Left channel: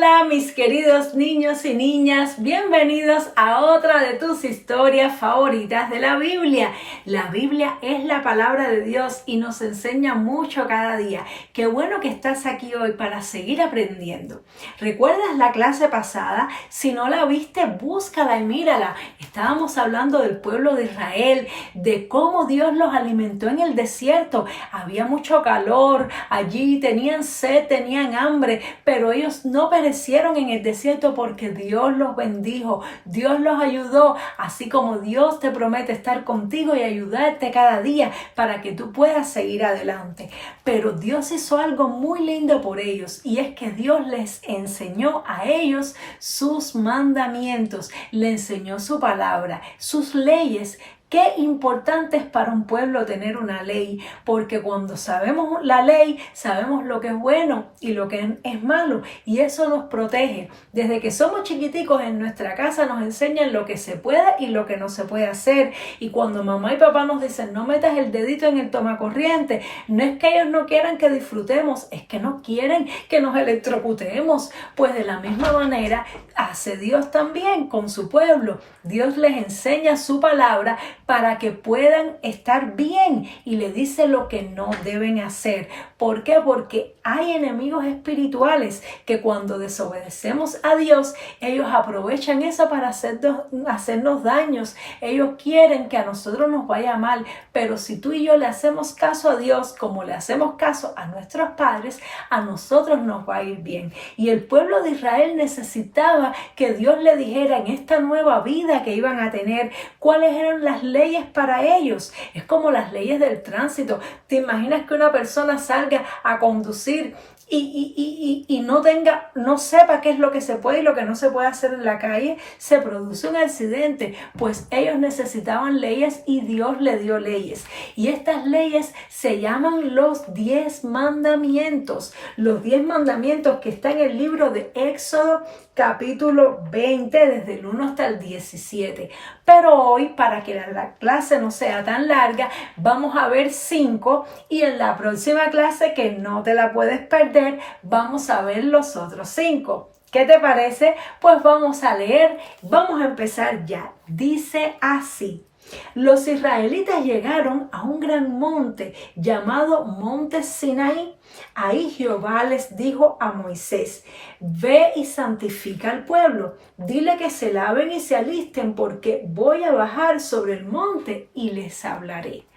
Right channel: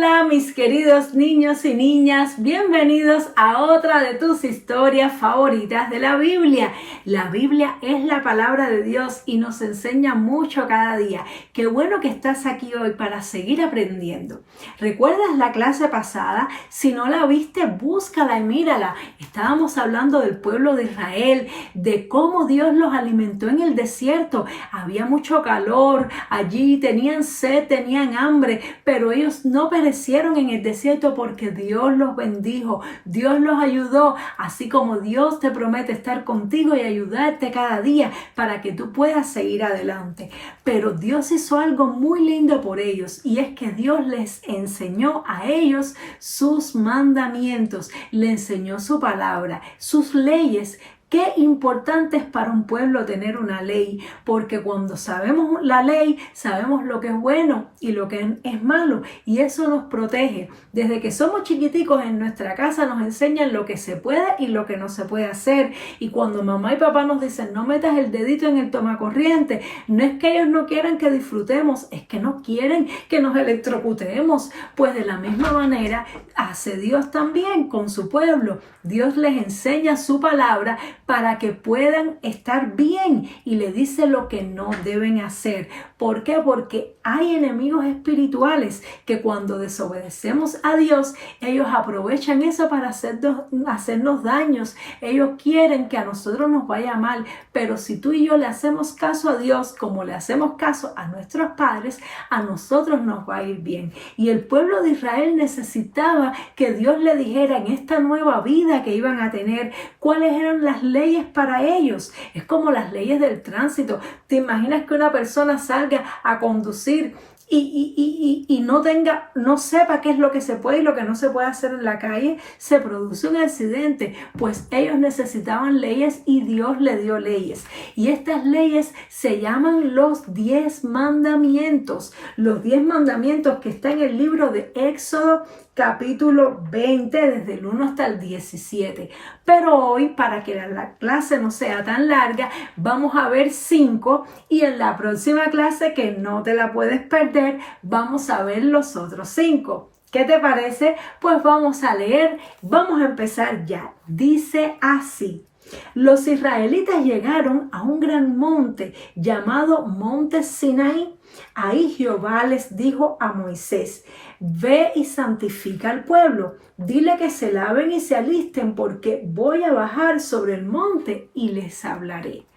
Hola mis queridos niños y niñas, bienvenidos a otra de tus historias favoritas de la Biblia. La Biblia es la palabra de Dios y nos enseña mucho cada día. Qué bueno que estás aquí hoy para seguir aprendiendo. ¿Recuerdas la clase pasada? Si no la viste, búscala y mírala. Estábamos hablando del pueblo de Israel, de cómo Dios los alimentó en el desierto. Había mucho calor, allí tenían sed, tenían hambre, pero ellos no perecieron en el desierto porque Dios los bendijo, Dios los ayudó, así como Dios te promete estar contigo y ayudarte cada día para que tú puedas seguir adelante. Pero Dios hizo algo muy lindo por ellos y es que Dios les enseñó a ellos sus mandamientos, le enseñó su palabra, sus leyes. Qué importante es para un pueblo tener una ley, porque cuando sabemos la ley, sabemos lo que es bueno y lo que es malo, y eso nos protege. Desde que somos chiquiticos en nuestra casa nos enseñan lo que se puede y lo que no se puede hacer, y cuando mamá y papá nos dicen no metas el dedito en el tomacorriente, no es que ellos no quieran que disfrutemos, es que no quieren que nos electrocutemos. Pues de la misma manera hace Dios también con su pueblo. Dios les enseña su palabra para que puedan estar bien y le dice lo que no deben hacer. ¿Por qué? Porque hay enemigos espirituales que cuando desobedecemos a Dios, ellos aprovechan eso para hacernos daños. Ellos quieren que a nosotros nos vaya mal, pero si tú y yo le hacemos caso a Dios como le hacemos caso a nuestros padres, a nosotros nos va a ir bien. Y el pueblo de Israel necesitaba que Dios le dijera en esta nueva vida que iban a tener cuáles eran las leyes para ellos. Es como las leyes del tránsito. ¿Te imaginas que una persona salga a conducir y no sepa qué es lo que se puede y lo que no se puede hacer en la calle? Se produce un accidente. Pues ellos necesitaban leyes y Dios le dio leyes. Y estas leyes se llaman los 10 mandamientos. Los 10 mandamientos que están en el libro de Éxodo capítulo 20, desde el 1 hasta el 17. Pero hoy, para que la clase no sea tan larga, vamos a ver 5 y en la próxima clase, que no te la puedes perder, vamos a ver los otros 5. ¿Qué te parece? Pues vamos a leer, vamos a empezar ya. Dice así: los israelitas llegaron a un gran monte llamado Monte Sinaí. Ahí Jehová les dijo a Moisés: ve y santifica al pueblo. Dile que se laven y se alisten, porque voy a bajar sobre el monte y les hablaré.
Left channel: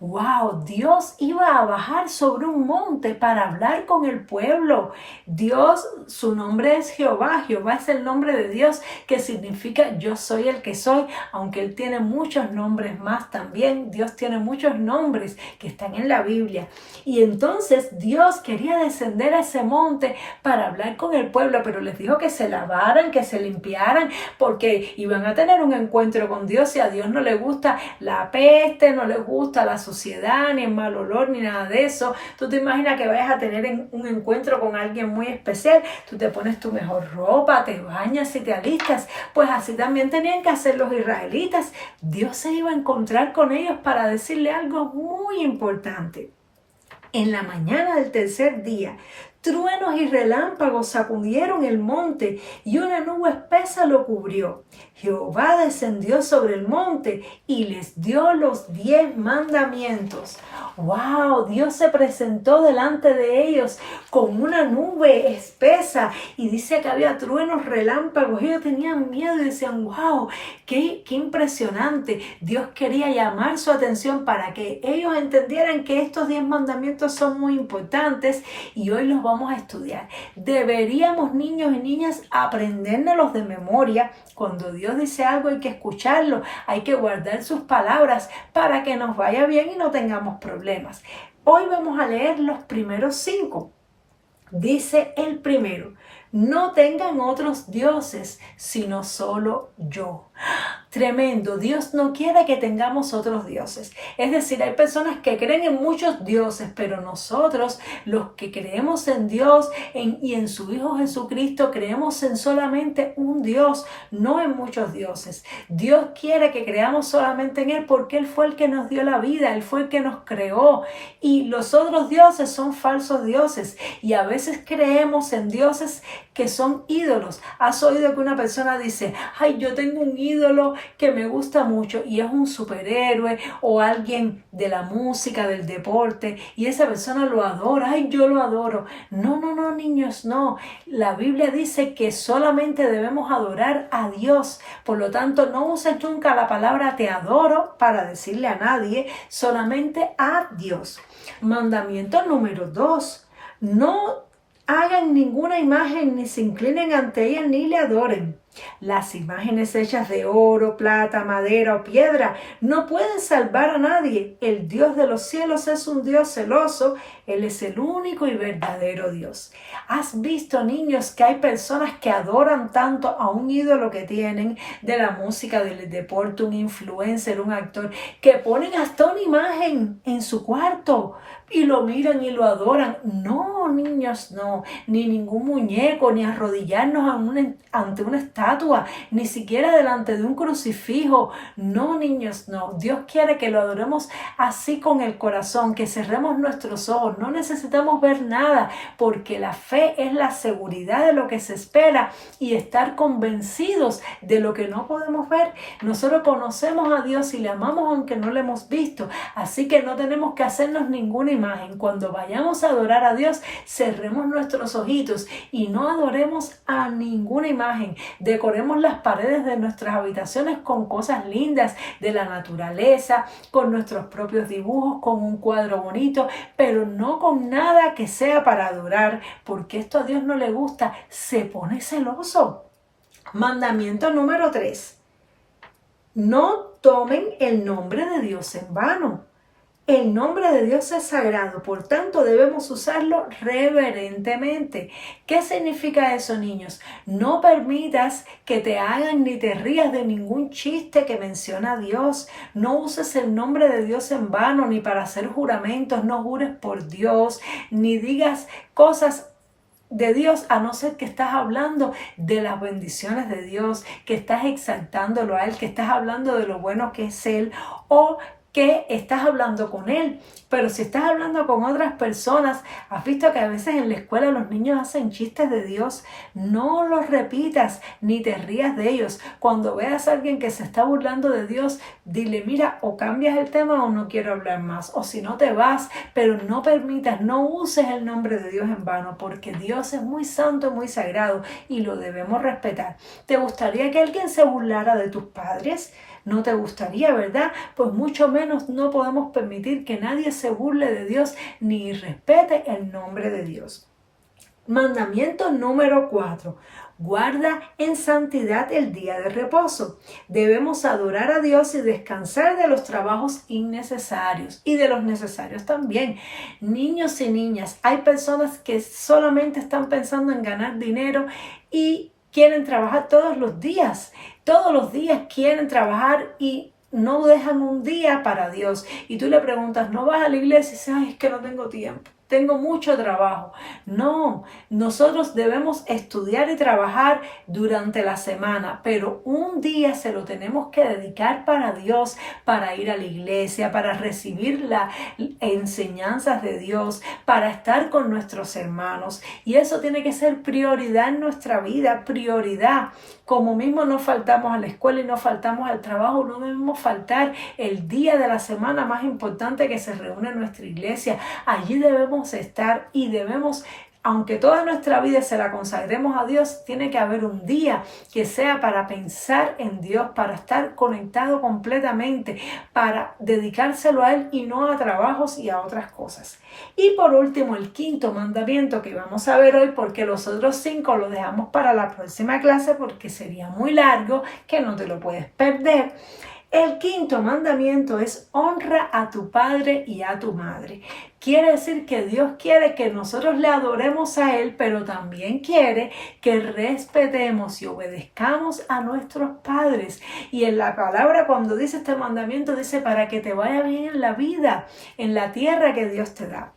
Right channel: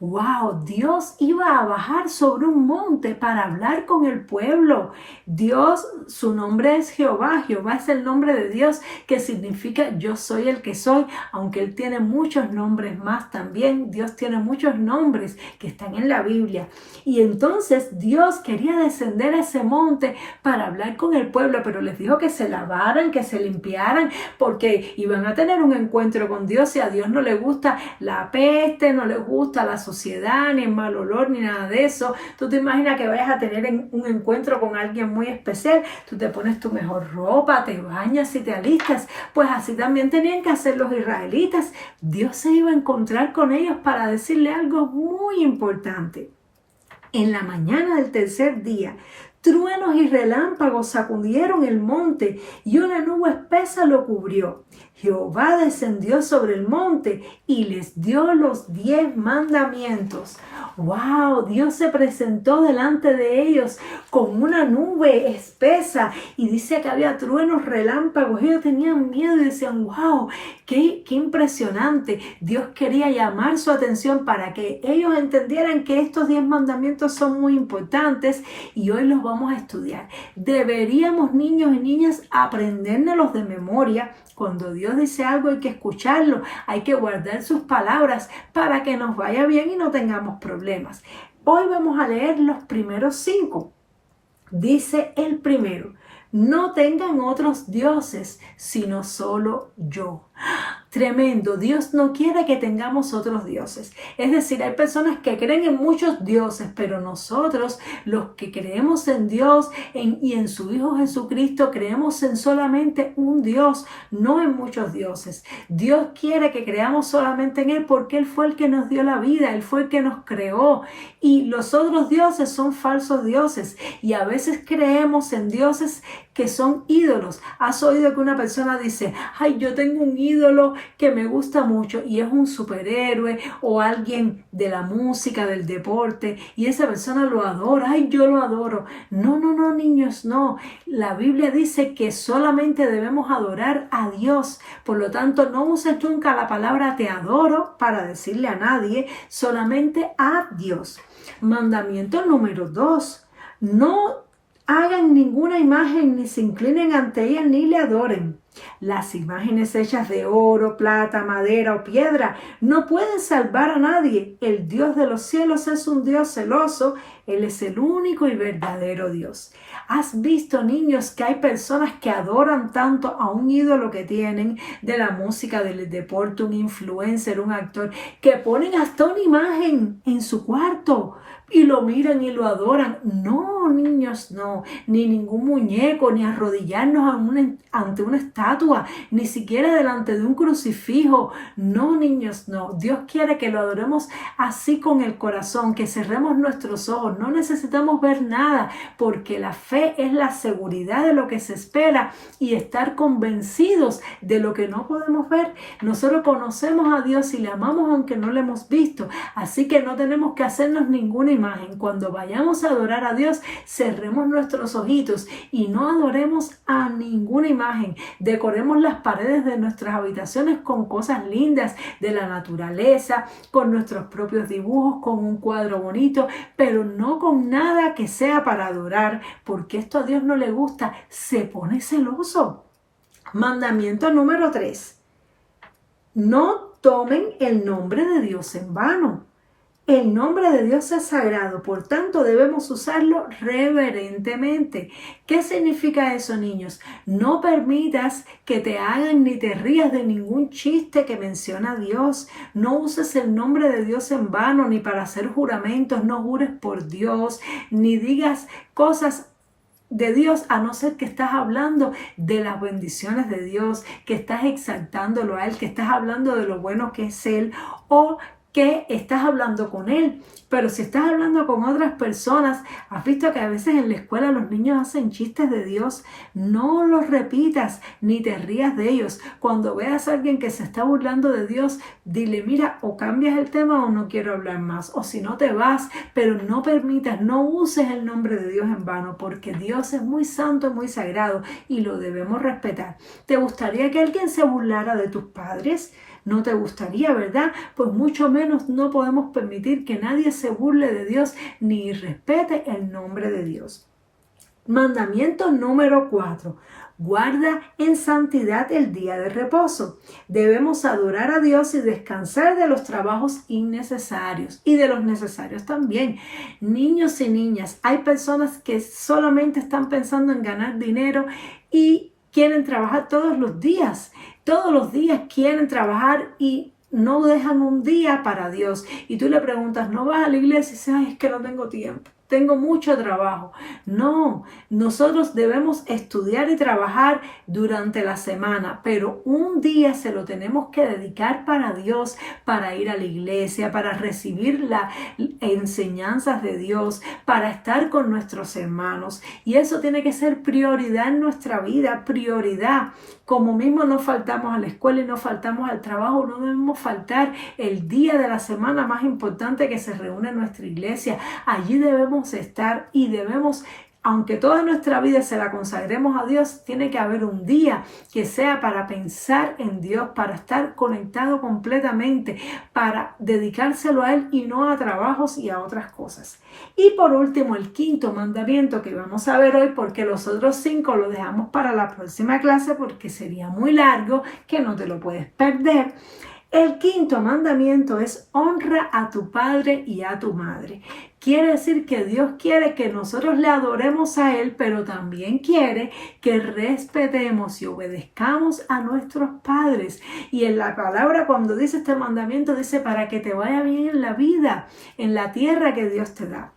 ¡Wow! Dios iba a bajar sobre un monte para hablar con el pueblo. Dios, su nombre es Jehová. Jehová es el nombre de Dios, que significa yo soy el que soy, aunque Él tiene muchos nombres más también. Dios tiene muchos nombres que están en la Biblia. Y entonces Dios quería descender a ese monte para hablar con el pueblo, pero les dijo que se lavaran, que se limpiaran, porque iban a tener un encuentro con Dios, y a Dios no le gusta la peste, no le gusta la suciedad, ni el mal olor, ni nada de eso. Tú te imaginas que vayas a tener un encuentro con alguien muy especial, tú te pones tu mejor ropa, te bañas y te alistas. Pues así también tenían que hacer los israelitas. Dios se iba a encontrar con ellos para decirle algo muy importante. En la mañana del tercer día, truenos y relámpagos sacudieron el monte y una nube espesa lo cubrió. Jehová descendió sobre el monte y les dio los 10 mandamientos. ¡Wow! Dios se presentó delante de ellos con una nube espesa, y dice que había truenos, relámpagos. Ellos tenían miedo y decían: ¡wow! ¡Qué impresionante! Dios quería llamar su atención para que ellos entendieran que estos 10 mandamientos son muy importantes, y hoy los vamos a estudiar. Deberíamos, niños y niñas, aprendérnoslos de memoria. Cuando Dios dice algo hay que escucharlo, hay que guardar sus palabras para que nos vaya bien y no tengamos problemas. Hoy vamos a leer los primeros 5. Dice el primero: no tengan otros dioses, sino solo yo. Tremendo. Dios no quiere que tengamos otros dioses. Es decir, hay personas que creen en muchos dioses, pero nosotros, los que creemos en Dios y en su Hijo Jesucristo, creemos en solamente un Dios, no en muchos dioses. Dios quiere que creamos solamente en Él porque Él fue el que nos dio la vida, Él fue el que nos creó. Y los otros dioses son falsos dioses. Y a veces creemos en dioses que son ídolos. ¿Has oído que una persona dice, ay, yo tengo un ídolo que me gusta mucho y es un superhéroe o alguien de la música, del deporte, y esa persona lo adora, ay, yo lo adoro? No, no, no, niños, no. La Biblia dice que solamente debemos adorar a Dios. Por lo tanto, no uses nunca la palabra te adoro para decirle a nadie, solamente a Dios. Mandamiento número 2. No hagan ninguna imagen, ni se inclinen ante ella, ni le adoren. Las imágenes hechas de oro, plata, madera o piedra no pueden salvar a nadie. El Dios de los cielos es un Dios celoso. Él es el único y verdadero Dios. ¿Has visto, niños, que hay personas que adoran tanto a un ídolo que tienen de la música, del deporte, un influencer, un actor, que ponen hasta una imagen en su cuarto y lo miran y lo adoran? No, niños, no. Ni ningún muñeco, ni arrodillarnos ante una estatua, ni siquiera delante de un crucifijo. No, niños, no. Dios quiere que lo adoremos así con el corazón, que cerremos nuestros ojos. No necesitamos ver nada, porque la fe es la seguridad de lo que se espera y estar convencidos de lo que no podemos ver. Nosotros conocemos a Dios y le amamos aunque no lo hemos visto. Así que no tenemos que hacernos ninguna imagen. Cuando vayamos a adorar a Dios, cerremos nuestros ojitos y no adoremos a ninguna imagen. Decoremos las paredes de nuestras habitaciones con cosas lindas de la naturaleza, con nuestros propios dibujos, con un cuadro bonito, pero no con nada que sea para adorar, porque esto a Dios no le gusta, se pone celoso. Mandamiento número 3. No tomen el nombre de Dios en vano. El nombre de Dios es sagrado, por tanto debemos usarlo reverentemente. ¿Qué significa eso, niños? No permitas que te hagan ni te rías de ningún chiste que menciona a Dios. No uses el nombre de Dios en vano, ni para hacer juramentos. No jures por Dios, ni digas cosas de Dios, a no ser que estás hablando de las bendiciones de Dios, que estás exaltándolo a Él, que estás hablando de lo bueno que es Él, o que estás hablando con Él. Pero si estás hablando con otras personas, has visto que a veces en la escuela los niños hacen chistes de Dios. No los repitas ni te rías de ellos. Cuando veas a alguien que se está burlando de Dios, dile, mira, o cambias el tema o no quiero hablar más, o si no te vas. Pero no permitas, no uses el nombre de Dios en vano, porque Dios es muy santo y muy sagrado y lo debemos respetar. ¿Te gustaría que alguien se burlara de tus padres? No te gustaría, ¿verdad? Pues mucho menos no podemos permitir que nadie se burle de Dios ni respete el nombre de Dios. Mandamiento número 4. Guarda en santidad el día de reposo. Debemos adorar a Dios y descansar de los trabajos innecesarios y de los necesarios también. Niños y niñas, hay personas que solamente están pensando en ganar dinero y quieren trabajar todos los días. Todos los días quieren trabajar y no dejan un día para Dios. Y tú le preguntas, ¿no vas a la iglesia? Y dices, ay, es que no tengo tiempo. Tengo mucho trabajo. No, nosotros debemos estudiar y trabajar durante la semana, pero un día se lo tenemos que dedicar para Dios, para ir a la iglesia, para recibir las enseñanzas de Dios, para estar con nuestros hermanos. Y eso tiene que ser prioridad en nuestra vida, prioridad. Como mismo no faltamos a la escuela y no faltamos al trabajo, no debemos faltar el día de la semana más importante que se reúne en nuestra iglesia. Allí debemos estar y debemos, aunque toda nuestra vida se la consagremos a Dios, tiene que haber un día que sea para pensar en Dios, para estar conectado completamente, para dedicárselo a Él y no a trabajos y a otras cosas. Y por último, el quinto mandamiento que vamos a ver hoy, porque los otros 5 los dejamos para la próxima clase porque sería muy largo, que no te lo puedes perder. El quinto mandamiento es honra a tu padre y a tu madre. Quiere decir que Dios quiere que nosotros le adoremos a Él, pero también quiere que respetemos y obedezcamos a nuestros padres. Y en la palabra, cuando dice este mandamiento, dice para que te vaya bien en la vida, en la tierra que Dios te da.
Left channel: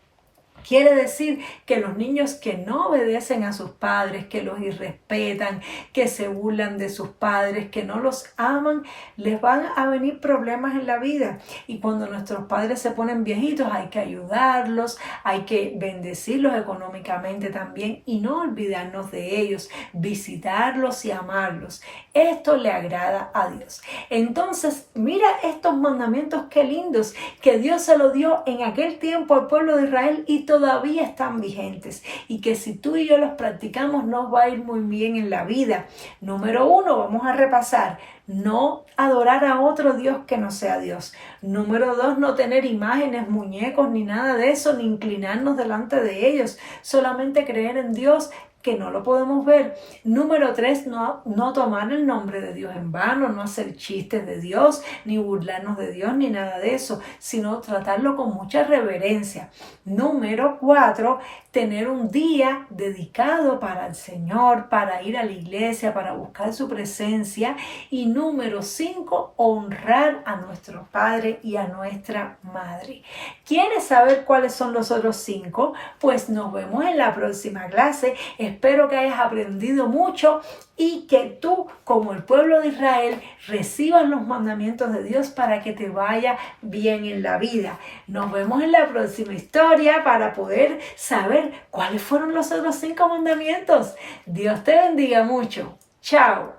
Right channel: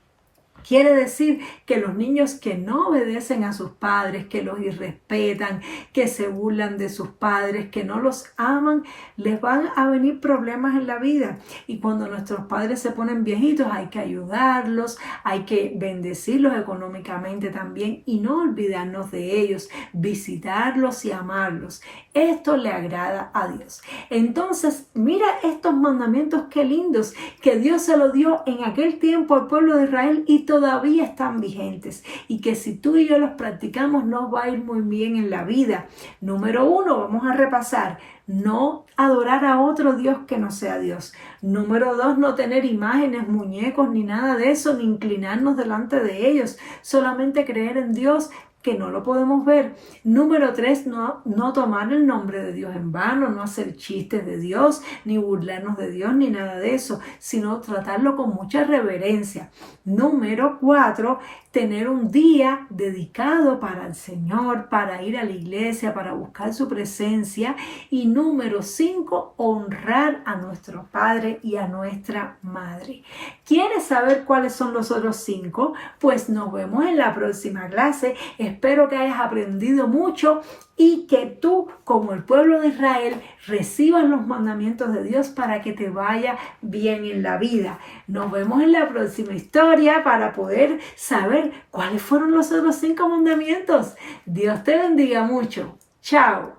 Quiere decir que los niños que no obedecen a sus padres, que los irrespetan, que se burlan de sus padres, que no los aman, les van a venir problemas en la vida. Y cuando nuestros padres se ponen viejitos, hay que ayudarlos, hay que bendecirlos económicamente también y no olvidarnos de ellos, visitarlos y amarlos. Esto le agrada a Dios. Entonces, mira estos mandamientos qué lindos que Dios se los dio en aquel tiempo al pueblo de Israel y todavía están vigentes. Y que si tú y yo los practicamos nos va a ir muy bien en la vida. Número 1, vamos a repasar. No adorar a otro Dios que no sea Dios. Número 2, no tener imágenes, muñecos, ni nada de eso, ni inclinarnos delante de ellos. Solamente creer en Dios, que no lo podemos ver. Número 3, no tomar el nombre de Dios en vano, no hacer chistes de Dios, ni burlarnos de Dios, ni nada de eso, sino tratarlo con mucha reverencia. Número 4, tener un día dedicado para el Señor, para ir a la iglesia, para buscar su presencia. Y número 5, honrar a nuestro padre y a nuestra madre. ¿Quieres saber cuáles son los otros 5? Pues nos vemos en la próxima clase. Espero que hayas aprendido mucho y que tú, como el pueblo de Israel, recibas los mandamientos de Dios para que te vaya bien en la vida. Nos vemos en la próxima historia para poder saber cuáles fueron los otros 5 mandamientos. Dios te bendiga mucho. Chao.